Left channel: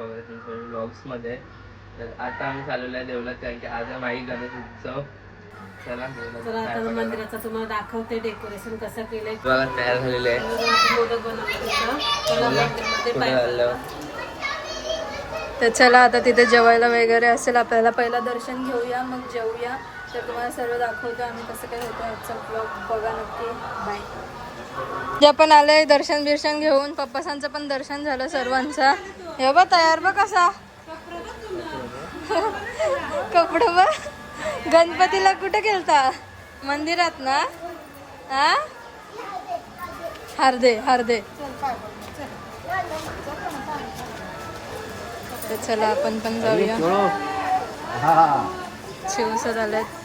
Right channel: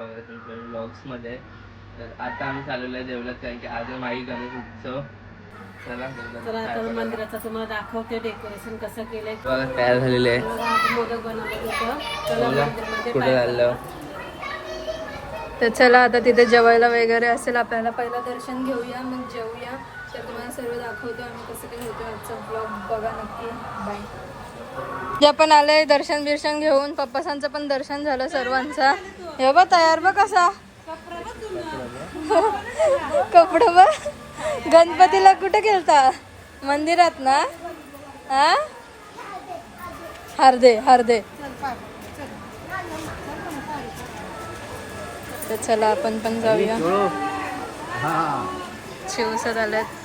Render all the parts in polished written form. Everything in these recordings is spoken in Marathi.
ब्लॉग्स मध्ये. तर आता आम्ही चालवलो आहे देवळात, कारण की आज माई गणेश उत्सव. चला आता मंदिराचं तुम्हाला दाखवते डेकोरेशन कसं केलंय. तयार झालेले आहे. मोदक बनवले कुठे झालं. तर चला आता तिथे जेवायला वगैरे असेल, आपल्याला पहिला दर्शन घेऊया मग जेवूया. तर तुम्हाला सर्व दाखवतो आम्ही कसं काय होतं आजचा ब्लॉग बघा नक्की. बाय. जे पण आले दर्शन बिर्शन घेऊन, पप्पासांचं पण दर्शन झालं सर्वांचा. हे बघ तयार बघ कसा कपडे बघ. गणपतीला कुठे गेलता? मंदिरात ना. हा हार्दे हार्दे. तर चला आपण पण जाऊया. शिवसर आलेत.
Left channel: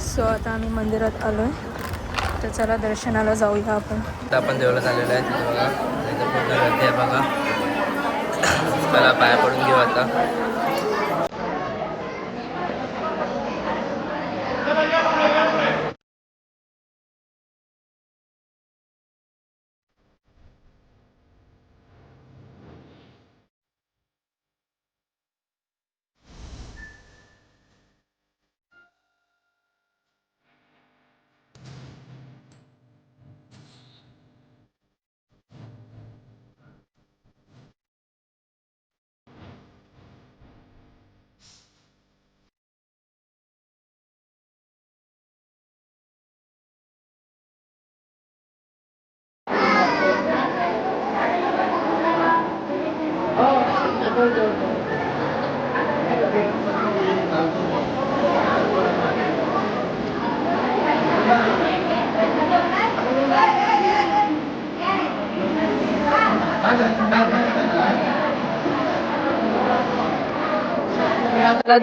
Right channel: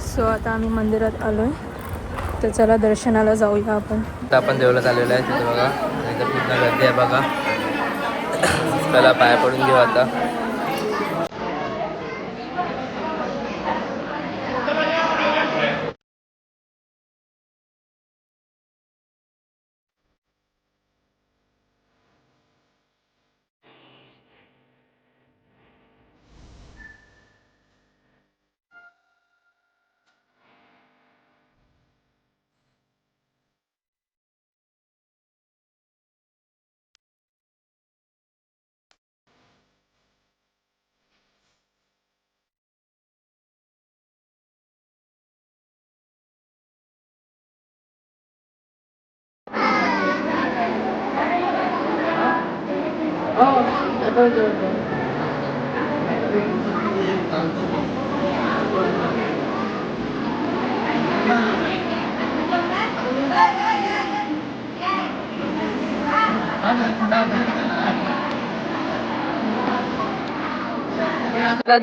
सो आता आम्ही मंदिरात आलोय. तर चला दर्शनाला जाऊया आपण. आता आपण देवळात आलेलो आहे. तिथे बघा इथं पूर्ण गर्दी आहे बघा. चला पाया पडून घेऊ आता.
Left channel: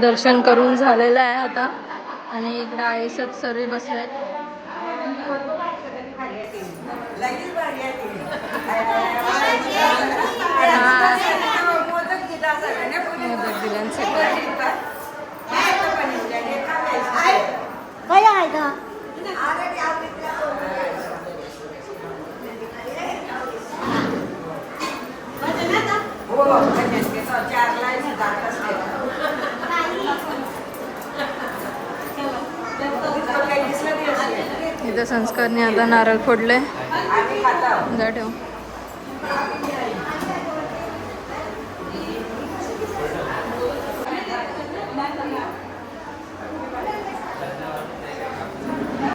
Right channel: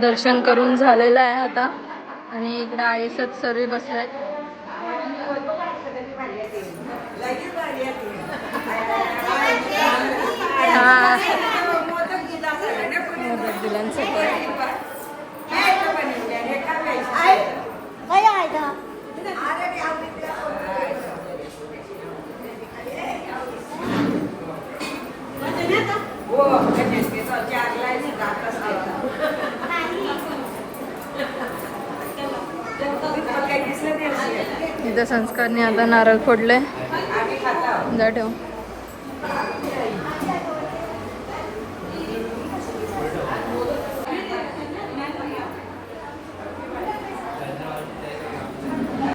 दर्शन करून झालेलं आहे आता. आणि इकडे आईसच सर्व बसलाय. इथं संस्कारने आता नारळ फोडले. जा ठेव.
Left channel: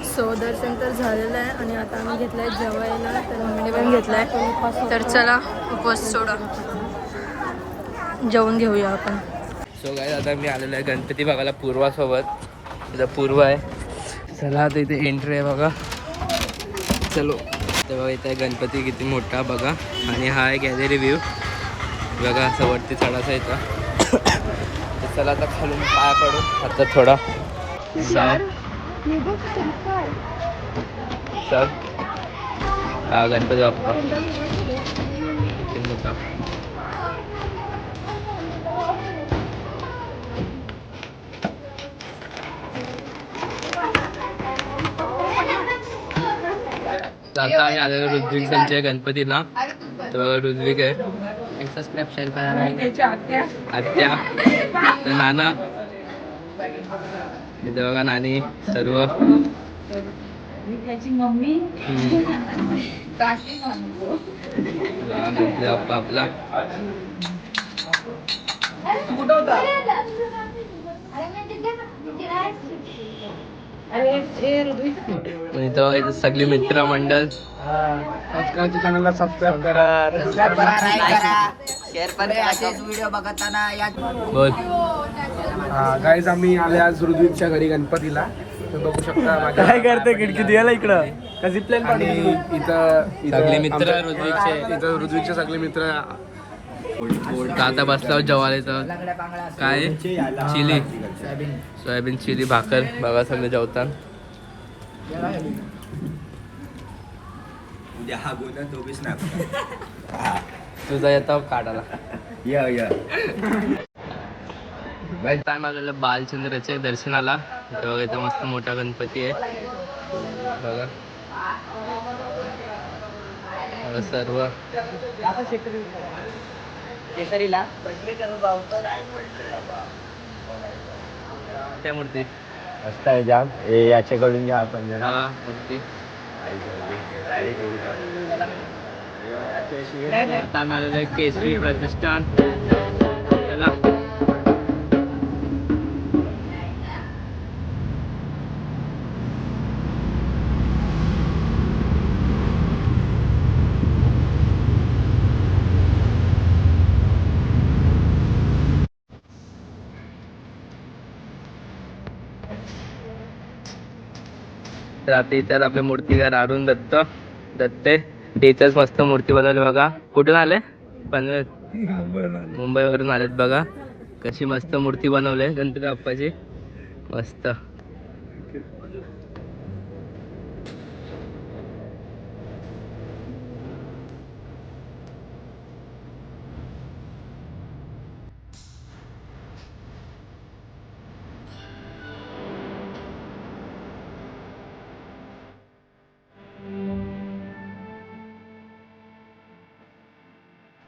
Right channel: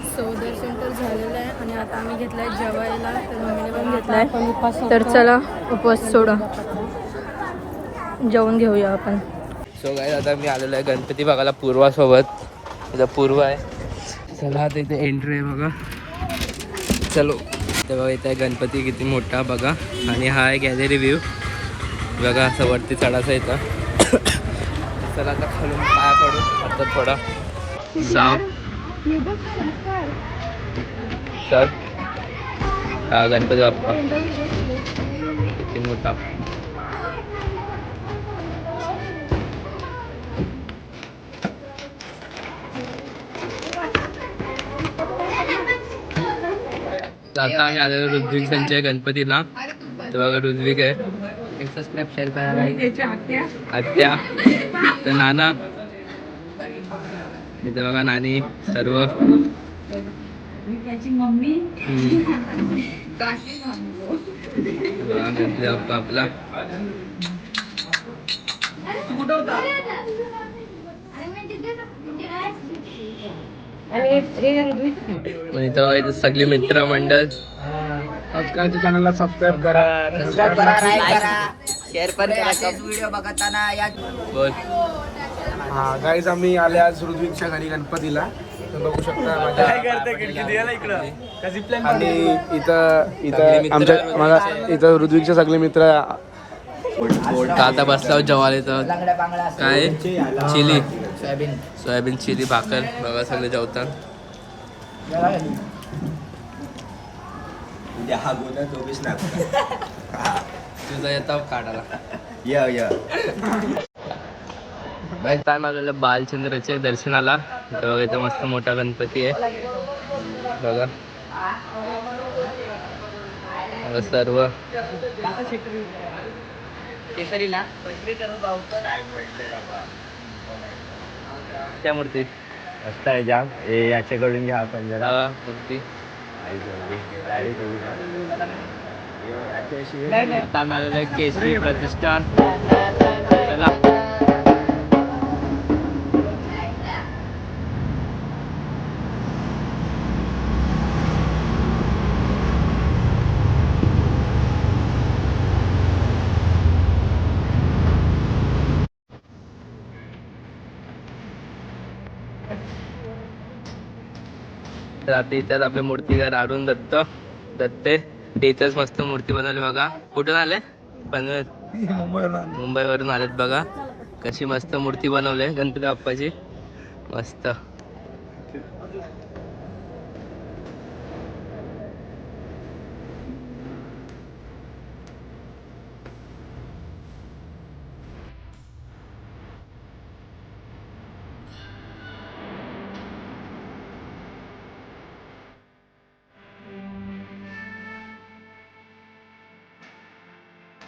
सो दर्शन तर झालेलं आहे आणि आता आम्ही घेतलाय जेवायला. तर मम्मीने पण घेतलाय. तर चला उपवास सोडून जेवून घेऊया आपण. सो गाईज आता मी आलेलो आहे गणपती बघायला पूर्वासोबत. आता पूर्व आहे. चला आता इथे एंट्री आहे बघा. चलो तेव्हा इथे गणपती किती मोठा बघा. आणि हा आहे गॅलरी व्ह्यू बघा. असं वरती चढायचं इथं. चला आता खालून पाया पडू आता थोडा. सर हा गणपती बाप्पा किती मोठा. आता आम्ही आलेलो ऋत्विक त्यांच्या गणपतीला. तर बघा ऋत्विक आहे. एक सबस्क्राईब शेअर करा. आत्या तर नाना इथे बघा. नानी सर्व मम्मी आपला. इथं सगळी मित्र मंडळ. चॅनलला सबस्क्राईब करा. व्हिडिओ बघताना या. गाईज आम्ही आले आज ऋत्विकच्या घरी गणपतीला. तर बघू शकता माझ्या काय करते खिडकी द्यायला इकडं. आणि इथं आमच्या इथं ऋत्विकचे सगळे मित्र. आता बसला जवारीचं काय चिली सोयाबीन चिली भाकर बघा. सगळे जेवतात. तुझा येतो काढायला. टाइम आलेला बालचंद्राच्या दर्शनाला. बघा इथं मस्त मोठा गणपती आहे बघा. सर्व त्या मूर्ती मस्त आहे जाम. याच्याकडून घ्या आपण जरा. हा मूर्ती आता आम्ही आलेलो आहे केसरी प्रतिष्ठान. चला तर आता इथं आपले मूर्तीकार अरुण दत्ते इथंच मस्त मूर्ती बनवली बघा. कुठून आले? पनवेल मुंबईवरून आलेत बघा. कशी मस्त मूर्ती बनवली गणपती बाप्पाची. मस्त